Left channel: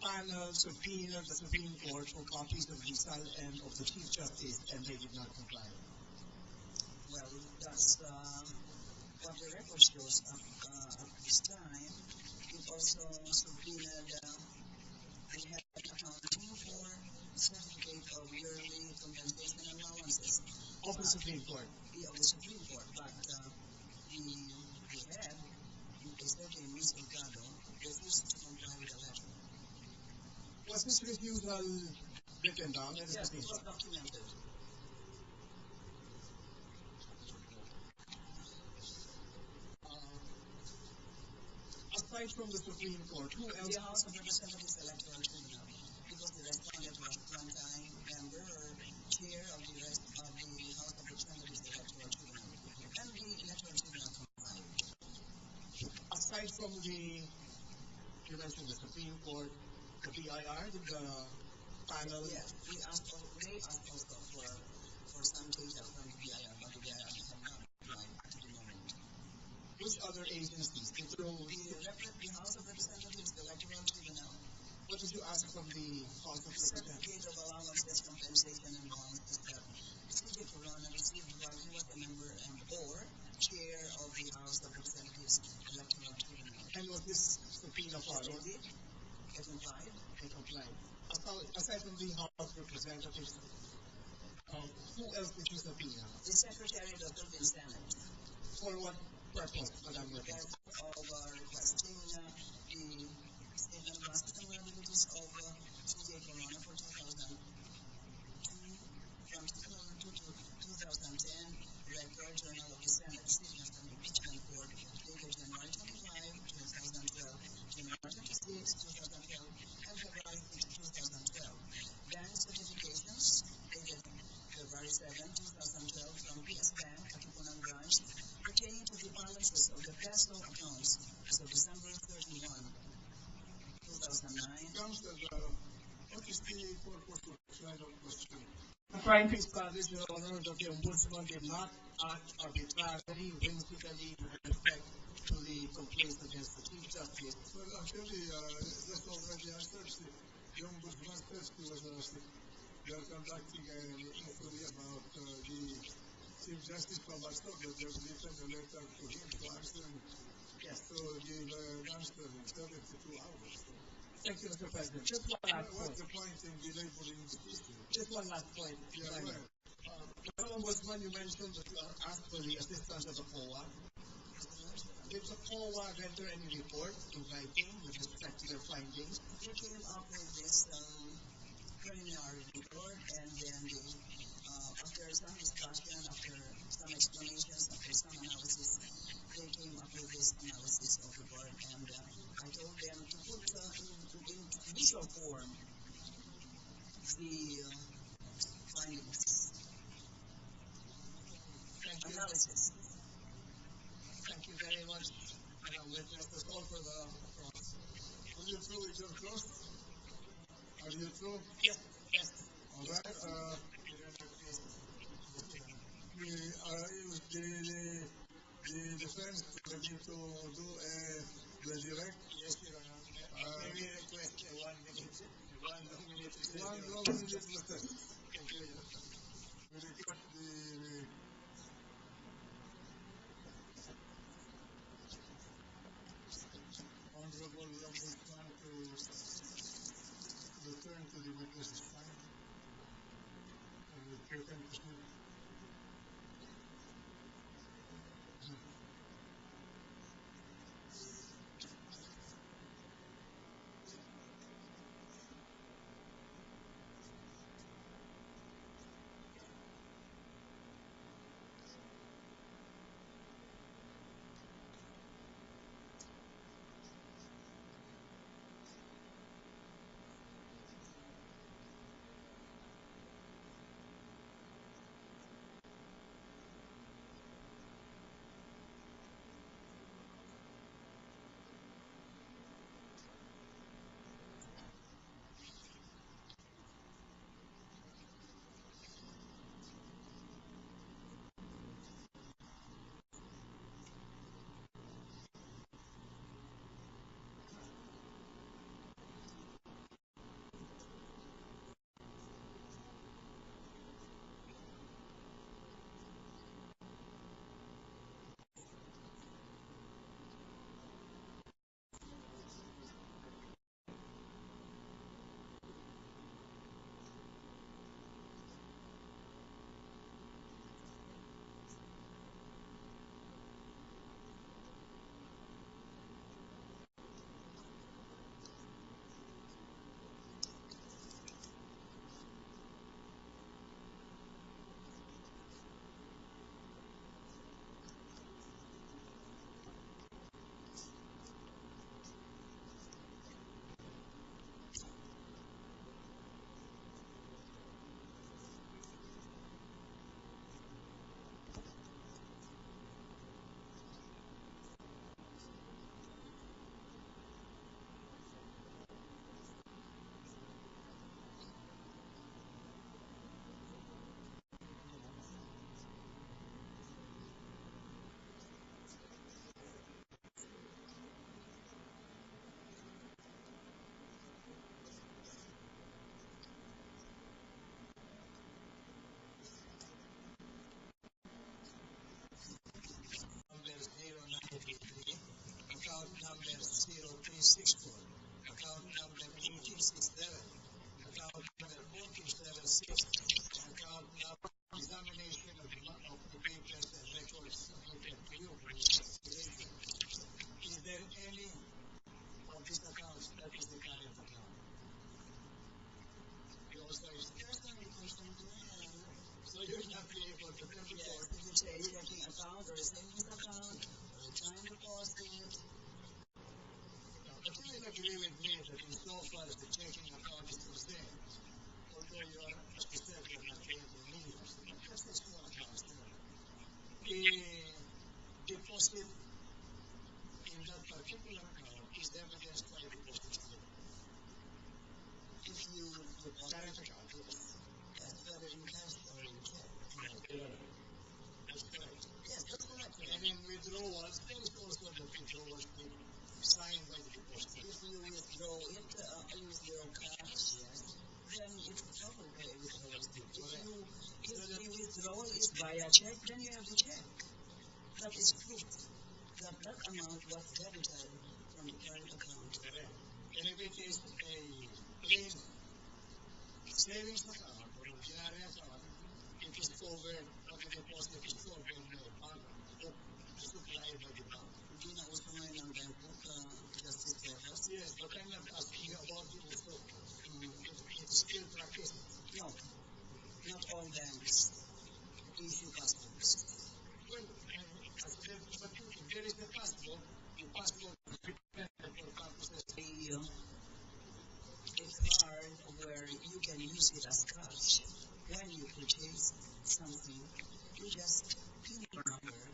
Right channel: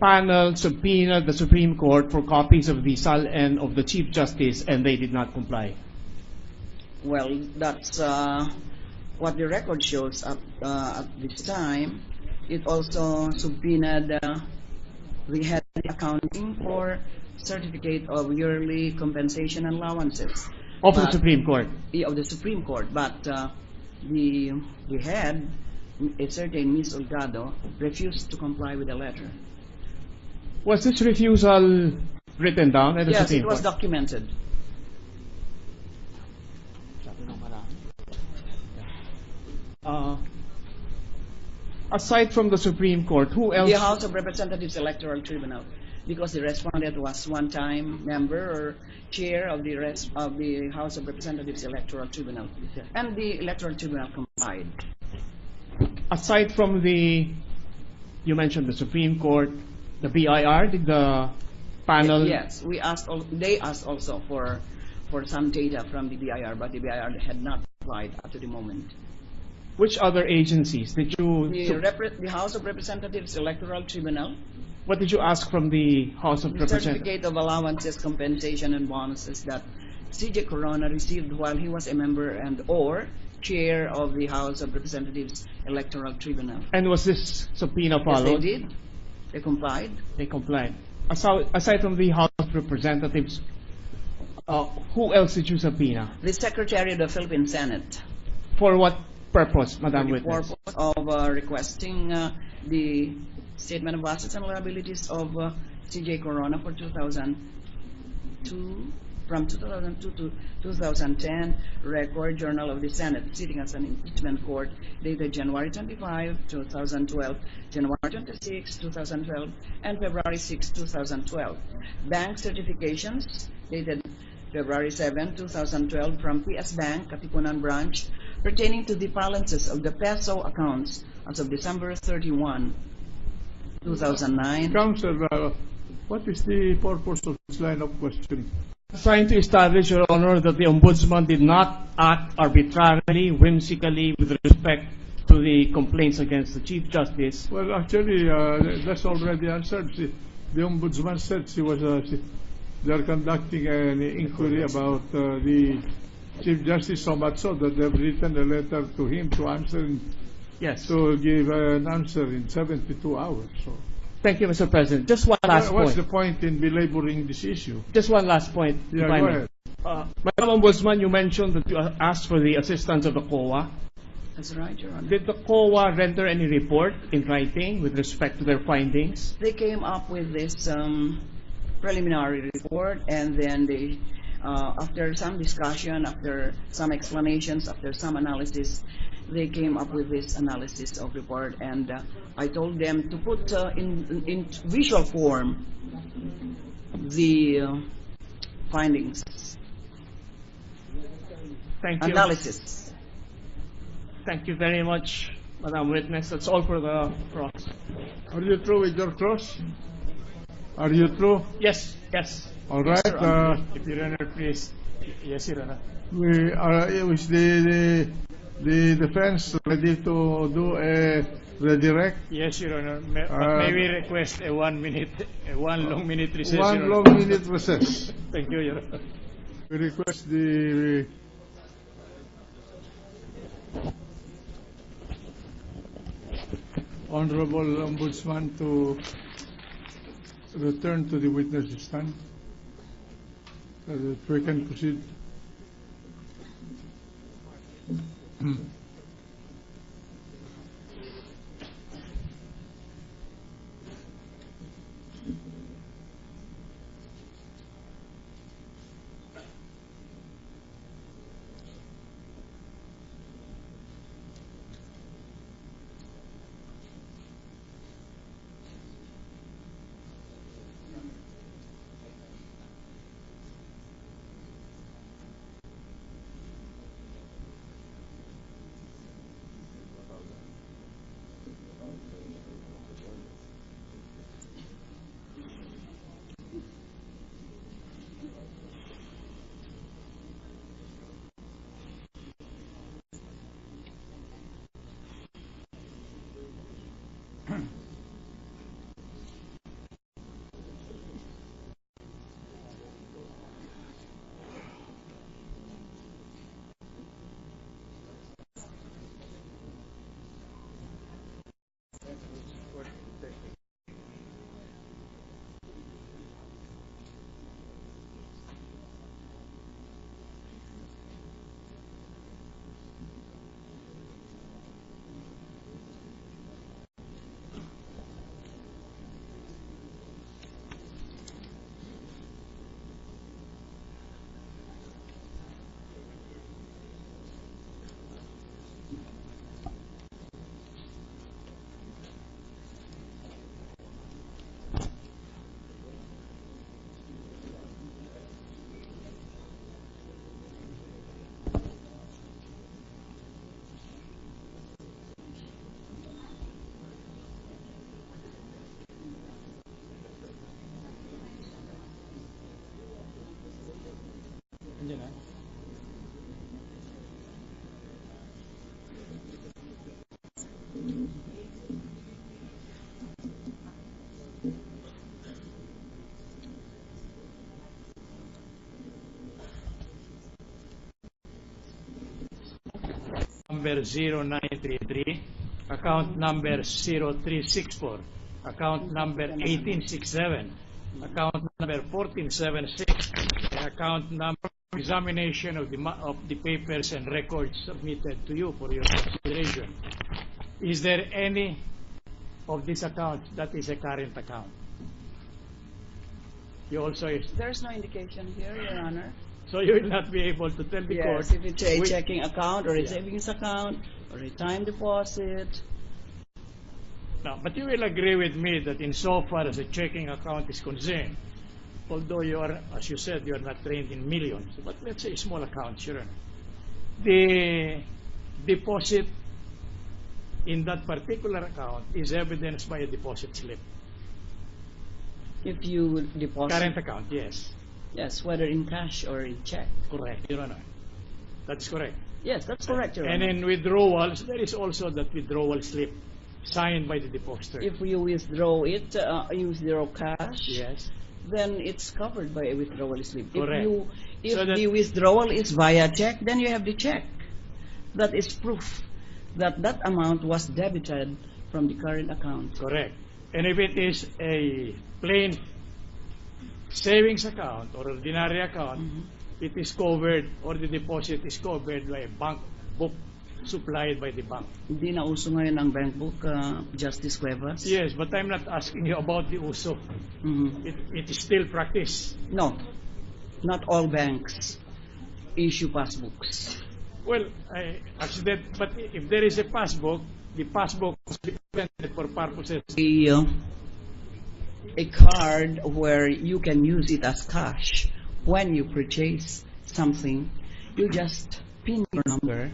panel subpoenaed the Supreme Court for copies of the SAL-N of the Chief Justice and they did not comply? Well, that's what the record shows at this time. It also subpoenaed the head of accounting for certificate of yearly compensation and allowances. Of the Supreme Court? Of the Supreme Court, but the head, a certain Ms. Olgado, refused to comply with the letter. Was this refusal written down at the Yes, Supreme it was Court? documented. Aside from the Supreme Court, who else? The House of Representatives Electoral Tribunal, because the respondent was one-time member or chair of the House of Representatives Electoral Tribunal, and the Electoral Tribunal complied. Aside from you mentioned the Supreme Court, the BIR, did the panel? Yes, they asked also for some data from the BIR, but the BIR had not applied up to the moment. Which other agencies did you? The House of Representatives Electoral Tribunal. What did you ask from the House of Representatives? The certificate of allowances, compensation, and bonuses that C.J. Corona received while he was a member and/or chair of the House of Representatives Electoral Tribunal. And was this subpoena followed? Yes, they did. They complied. They complied. Aside from the House of Representatives, who else did you subpoena? The Secretary of the Philippine Senate. For what purpose, Madam For the Witness? purpose of requesting the statement of assets and liabilities of C.J. Corona for 2002, from 2002 to 2010, record Journal of the Senate, sitting as an impeachment court, dated January 25, 2012, January 26, 2012, and February 6, 2012. Bank certifications, dated February 7, 2012, from PS Bank, Katipunan Branch, pertaining to the balances of the peso accounts as of December 31, 2009. Counsel, what is the purpose of this line of question? Trying to establish, Your Honor, that the Ombudsman did not act arbitrarily, whimsically, with respect to the complaints against the Chief Justice. Well, actually, that's already answered. The Ombudsman said they are conducting an inquiry about the Chief Justice, so much so that they've written a letter to him to answer, to give an answer in 72 hours. So. Thank you, Mr. President. Just one last point. What's the point in belaboring this issue? Just one last point, yeah, if I go may. ahead. Madam Ombudsman, you mentioned that you asked for the assistance of the COA. That's right, Your Honor. Did the COA render any report in writing with respect to their findings? They came up with this preliminary report, and then they, after some discussion, after some explanations, after some analysis, they came up with this analysis of report, and I told them to put in visual form the findings. Thank you. Analysis. Thank you very much, Madam Witness. That's all for the cross. Are you through with your cross? Are you through? Yes, yes. All right. If Your Honor, please. Yes, Your Honor. We are with the defense ready to do a redirect. Yes, Your Honor. May we request a 1 minute, one long minute recess? One long minute recess. Thank you, Your Honor. We request the Honorable Ombudsman to return to the witness stand so that we can proceed. number 0933, account number 0364, account number 1867, account number 1476, and account number examination of the papers and records submitted to you for your consideration. Is there any of these accounts that is a current account? You also There's no indication here, Your Honor. so you will not be able to tell the court. Yes, if it's a which- checking account or a savings account or a time deposit. No, but you will agree with me that insofar as a checking account is concerned, although you are, as you said, you are not trained in millions, but let's say small accounts, Your Honor, the deposit in that particular account is evidenced by a deposit slip. If you deposit, Current account, yes. yes, whether in cash or in check. Correct, Your Honor. That's correct. Yes, that's correct, Your And Honor. in withdrawals, there is also that withdrawal slip signed by the depositor. If you withdraw it, you withdraw cash, Yes. then it's covered by a withdrawal slip. Correct. If So that- the withdrawal is via check, then you have the check. That is proof that that amount was debited from the current account. Correct. And if it is a plain savings account or ordinary account, it is covered, or the deposit is covered by a bank book supplied by the bank. Hindi na uso ngayon ang bank book, Justice Cuevas. Yes, but I'm not asking you about the uso. Mhm. It is still practice. No, not all banks issue passbooks. Well, actually, but if there is a passbook, the passbook must be presented for purposes. A card where you can use it as cash when you purchase something, you just pin your number,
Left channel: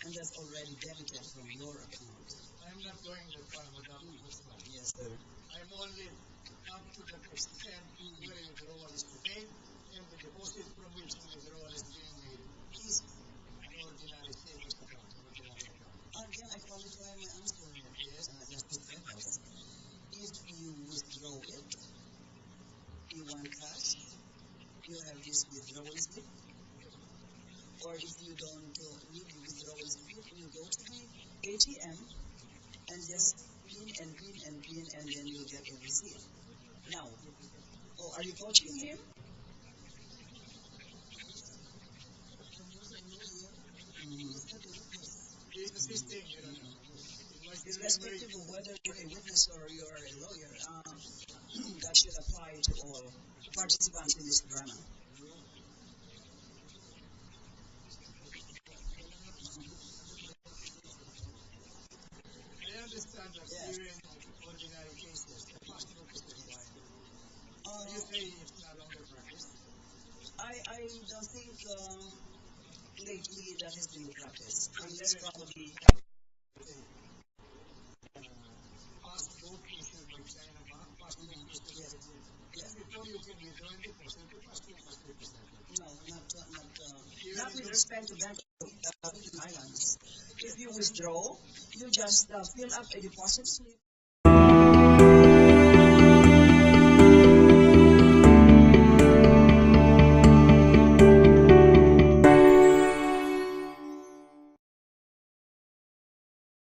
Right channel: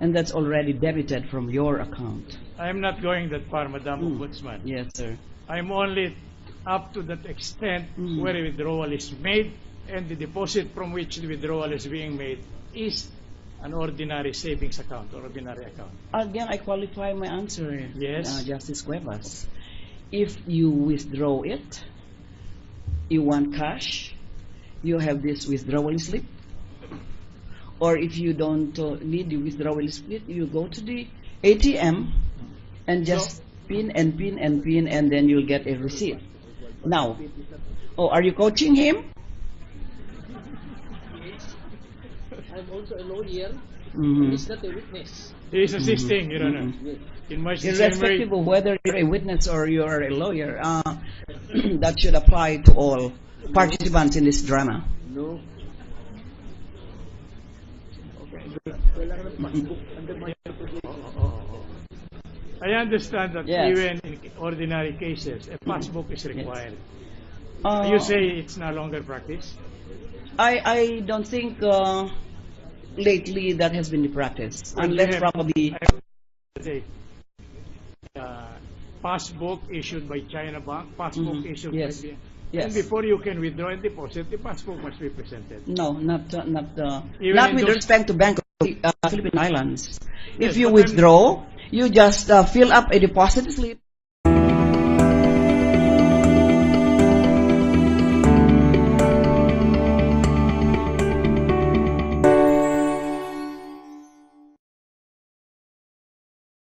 and that's already debited from your account. I'm not going that far, Madam Ombudsman. Yes, sir. I'm only up to that extent Mm. where a withdrawal is made, and the deposit from which the withdrawal is being made is an ordinary savings account or ordinary account. Again, I qualify my answer, Yes. Justice Cuevas. If you withdraw it, you want cash, you have this withdrawal slip. Or if you don't need the withdrawal slip, you go to the ATM and just pin and pin and pin, and then you'll get a receipt. Now, are you coaching him? I'm also a lawyer. Mhm. He's not a witness. He is assisting, Your Honor. Yes. In much the same way. Irrespective of whether you're a witness or you're a lawyer, that should apply to all participants in this drama. No. I understand that Yes. even in ordinary cases, a passbook is required. Uh, You say it's no longer practice? I don't think lately that has been the practice, Well, unless you have- probably. The passbook issued by China Bank, passbook issued Yes. by the... Yes. And before you can withdraw and deposit, the passbook must be presented. No, not Even not in with those- respect to Bank of Philippine Islands. Yes, If you but I'm- withdraw, you just fill up a deposit slip